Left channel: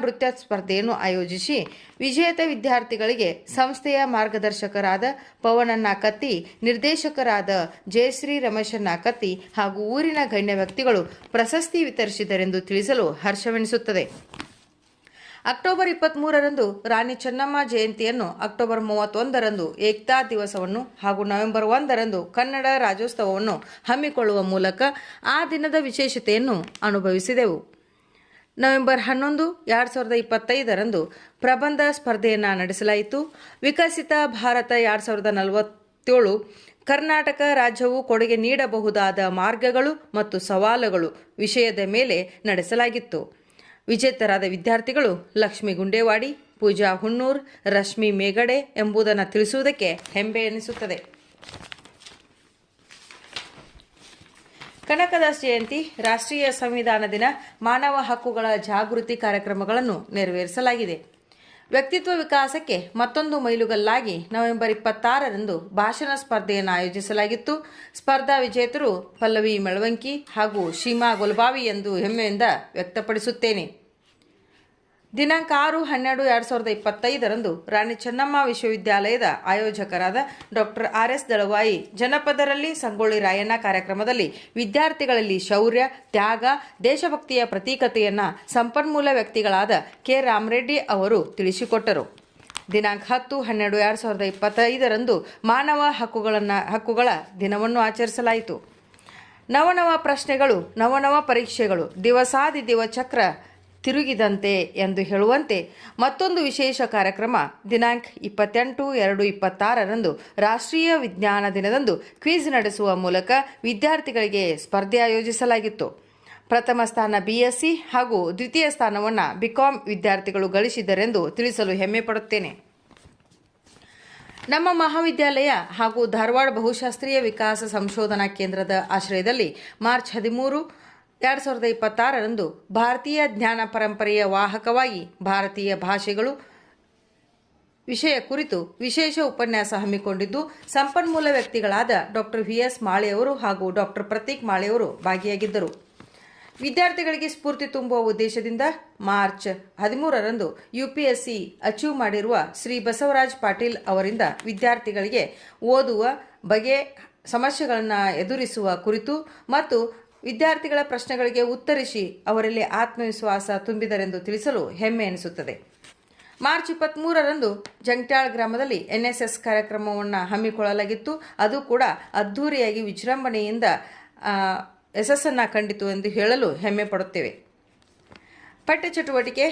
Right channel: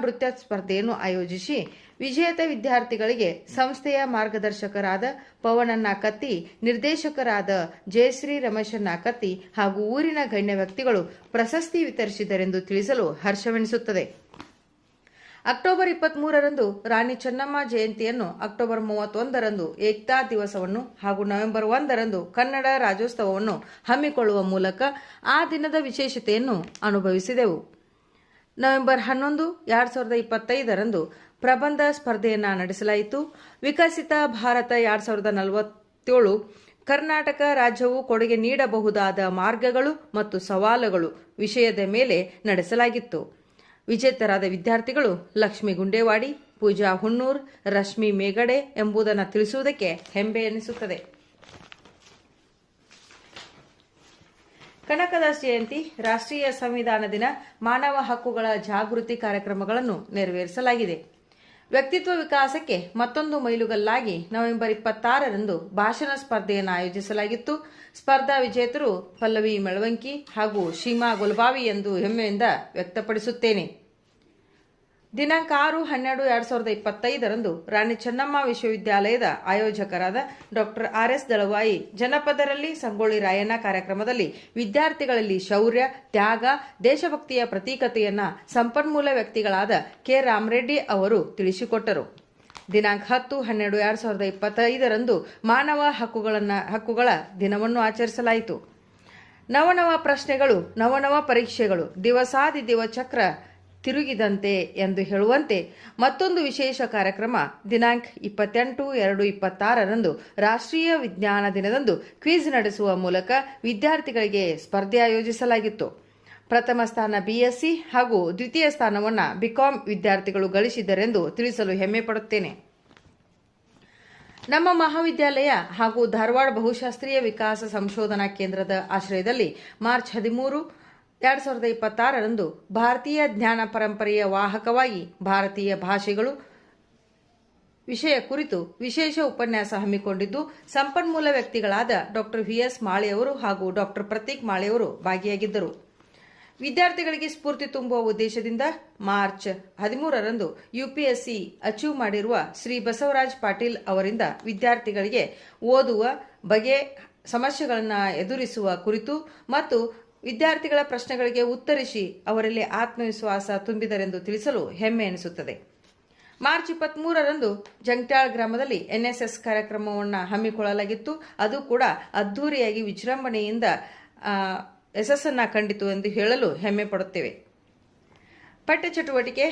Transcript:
ನೃತ್ಯ ಸ್ಪರ್ಧೆಯನ್ನು ಆಯೋಜಿಸಿ ವಿಜೇತ ವಿದ್ಯಾರ್ಥಿಗಳಿಗೆ ಸಂಸ್ಥೆಯ ಮಾರ್ಗದರ್ಶಕರಾದ ಪವನಣ್ಣ ಕತ್ತಿ, ನಿರ್ದೇಶಕರಾದ ಜಯಶ್ರೀ ರಮೇಶಣ್ಣ ಕತ್ತಿ ಹಾಗೂ ಊರಿನ ಗಣ್ಯ ವ್ಯಕ್ತಿಗಳು ಪ್ರಶಸ್ತಿ ವಿತರಿಸಿದರೆಂದು ತಿಳಿಸಲು ಹರ್ಷವೆನಿಸುತ್ತದೆ. ಅಕ್ಟೋಬರ್ 23ರಂದು ರಾಣಿ ಚೆನ್ನಮ್ಮ ಜಯಂತಿಯನ್ನು, ಅಕ್ಟೋಬರ್ 31ರಂದು ಏಕ್ತಾ ದಿವಸವನ್ನು ಹಾಗೂ ನವೆಂಬರ್ 1ರಂದು ಕನ್ನಡ ರಾಜ್ಯೋತ್ಸವವನ್ನು ಹಮ್ಮಿಕೊಳ್ಳುವ ಮೂಲಕ ಆ ದಿನದ ವಿಶೇಷತೆಯನ್ನು ಅನುಭವಿಸಿದೆವು. ನವೆಂಬರ್ 11, 2025ರಂದು ಪ್ರಬಂಧ ಸ್ಪರ್ಧೆಯನ್ನು ನಡೆಸಲಾಯಿತು. ವಿಕಸಿತ ಭಾರತ 2047 ಕರ್ನಾಟಕ ರಾಜ್ಯವು ಕೊಡುಗೆ ನೀಡಬಹುದಾದ ಮಾರ್ಗಗಳು ಮತ್ತು ಸವಾಲುಗಳು ವಿಷಯದ ಮೇಲೆ ನಡೆಸಲಾಗಿತ್ತು. ವಿಜೇತರಾದ ವಿದ್ಯಾರ್ಥಿಗಳು ಲಕ್ಷ್ಮೀ ಗುಂಡೇವಾಡಿ, ಪೂಜಾ ಹುಣ್ಣೂರ್, ರಶ್ಮಿ ಮೇಗಡೆ ಎಂಬುದನ್ನು ತಿಳಿಸುವುದಕ್ಕೆ ಹೆಮ್ಮೆ ಎನಿಸುತ್ತದೆ. ಕನಕದಾಸ ಜಯಂತಿ, ರಾಷ್ಟ್ರೀಯ ಸಂವಿಧಾನ ದಿನ, ಮಾನವ ಹಕ್ಕುಗಳ ಜಾಗೃತಿ ಕಾರ್ಯಕ್ರಮಗಳನ್ನು ನೆರವೇರಿಸಲಾಗಿದೆ. ವ್ಯಕ್ತಿತ್ವ ವಿಕಾಸಕ್ಕೆ ಮತ್ತೊಂದು ಮೈಲುಗಲ್ಲಾಗಿ ನವೆಂಬರ್ 26ರಂದು ಭಾಷಣ ಸ್ಪರ್ಧೆಯನ್ನು ಆಯೋಜಿಸಲಾಗಿತ್ತು. ಸ್ಪರ್ಧಾ ವಿಜೇತರು ಪಲ್ಲವಿ ಮೆಳವಂಕಿ ಹಾಗೂ ಶೀಮಾ ಗುಲ್ಬಾವಿ ಎಂದು ಹೆಮ್ಮೆಯಿಂದ ವ್ಯಕ್ತಪಡಿಸುತ್ತೇನೆ. ದಿನಾಂಕ 6-12-2025ರಂದು ರಾಣಿ ಚೆನ್ನಮ್ಮ ವಿಶ್ವವಿದ್ಯಾಲಯದ ಆಯೋಜಕರಾದ ಡಾಕ್ಟರ್ RS ದಳವಾಯಿ ಜನಪದರಲ್ಲಿ ಸಂಗೊಳ್ಳಿ ರಾಯಣ್ಣ ಕಾರ್ಯಕ್ರಮದಲ್ಲಿ ವಿದ್ಯಾರ್ಥಿಗಳಲ್ಲಿ ಶೌರ್ಯ, ತ್ಯಾಗ, ದೇಶಭಕ್ತಿಯ ಪ್ರತೀಕತೆಯನ್ನು ಸಂಪನ್ಮೂಲ ವ್ಯಕ್ತಿಗಳಾದ ಕೆ. ರಾಮರೆಡ್ಡಿ ಅವರು ತಿಳಿಸಿಕೊಟ್ಟರು. ದಿನಾಂಕ 10-12-2025ರಂದು ಮಾನವ ಹಕ್ಕುಗಳ ದಿನವನ್ನು ಆಚರಿಸಲಾಯಿತು. ನವನವ ಪ್ರಶ್ನೆಗಳು, ನವನವ ಪರೀಕ್ಷೆಗಳು, ದಿವಸಾದಿದಿವ ಚಕ್ರ ತಿರುಗಿದಂತೆ ಎಂದು ಹೇಳುವಂತೆ ಮತ್ತೊಂದು ವಿಶೇಷ ಕಾರ್ಯಕ್ರಮ ದಿನಾಂಕ 28-2-26ರಂದು ರಾಷ್ಟ್ರೀಯ ವಿಜ್ಞಾನ ದಿನದಂದು ಕ್ವಿಜ್ ನಡೆಸುವ ಮೂಲಕ ವಿದ್ಯಾರ್ಥಿಗಳಿಗೆ ಸ್ಪರ್ಧೆ ಆಯೋಜಿಸಲಾಗಿತ್ತು. ಪ್ರಥಮ ಸ್ಥಾನ BSc ಹಾಗೂ ದ್ವಿತೀಯ ಸ್ಥಾನವನ್ನು BCom ವಿದ್ಯಾರ್ಥಿಗಳು ಗಳಿಸಿದರೆಂದು ತಿಳಿಸಲು ಹೆಮ್ಮೆ ಪಡುತ್ತೇನೆ. ನಮ್ಮ ಮಹಾವಿದ್ಯಾಲಯ ಹಾಗೂ ಧಾರವಾಡ ಬಹುಶಾಸ್ತ್ರೀಯ ವಿಕಾಸ ಸಂಶೋಧನಾ ಕೇಂದ್ರದ ಆಶ್ರಯದಲ್ಲಿ ಮಾರ್ಚ್ 13, 2026ರಂದು ಭಾರತೀಯ ಜ್ಞಾನ ಪರಂಪರೆಯ ವಾಹಕವಾಗಿ ಭಾರತೀಯ ಭಾಷೆಗಳು ವಿಷಯ ಕುರಿತು ವಿಶೇಷ ಉಪನ್ಯಾಸ ಹಮ್ಮಿಕೊಂಡಿದ್ದು, ಸಂಪನ್ಮೂಲ ವ್ಯಕ್ತಿಗಳಾದ ಡಾಕ್ಟರ್ VS ಮಾಳೆಯವರು ಹಾಗೂ ಡಾಕ್ಟರ್ ಪ್ರತೀಕ್ ಮಾಳೆಯವರು ಭಾಗಿಯಾಗಿದ್ದರು. ವಿದ್ಯಾರ್ಥಿಗಳಿಗೆ ಸ್ಫೂರ್ತಿ ತುಂಬುವ ಉದ್ದೇಶದಿಂದ ಮಾರ್ಚ್ 13ರಂದು UPSC ಅಚೀವ್ ಮಾಡಿರುವ ಶ್ರೀ ಬಸವರಾಜ್ ಪಾಟೀಲ್ ಅವರಿಂದ ವಿದ್ಯಾರ್ಥಿಗಳಿಗೆ ಓದುವ ಬಗೆ, ಸಮಸ್ಯೆಗಳನ್ನು ಎದುರಿಸುವ ಕುರಿತು ಮತ್ತು ವಿದ್ಯಾರ್ಥಿಗಳ ಪ್ರಶ್ನೆಗಳಿಗೆ ಉತ್ತರಿಸಿ ಅವರಲ್ಲಿ ಆತ್ಮವಿಶ್ವಾಸ ತುಂಬಿದರೆಂದು ತಿಳಿಸಲು ಹೆಮ್ಮೆ ಎನಿಸುತ್ತದೆ. ಮಾರ್ಚ್ 23ರಂದು ಜಂಗ್ಟ್ಯಾಳ್ ಗ್ರಾಮದಲ್ಲಿ NSS ಕಾರ್ಯಕ್ರಮವನ್ನು ಹಮ್ಮಿಕೊಳ್ಳಲಾಗಿತ್ತು. ಅದು ಕೂಡ ಅದ್ಧೂರಿಯಾಗಿ ವಿಜೃಂಭಣೆಯಿಂದ ಯಶಸ್ಸನ್ನು ಕಂಡಿತು ಎಂದು ಹೇಳಲು ಹೆಮ್ಮೆ ಪಡುತ್ತೇವೆ. ಪಠ್ಯ ಚಟುವಟಿಕೆ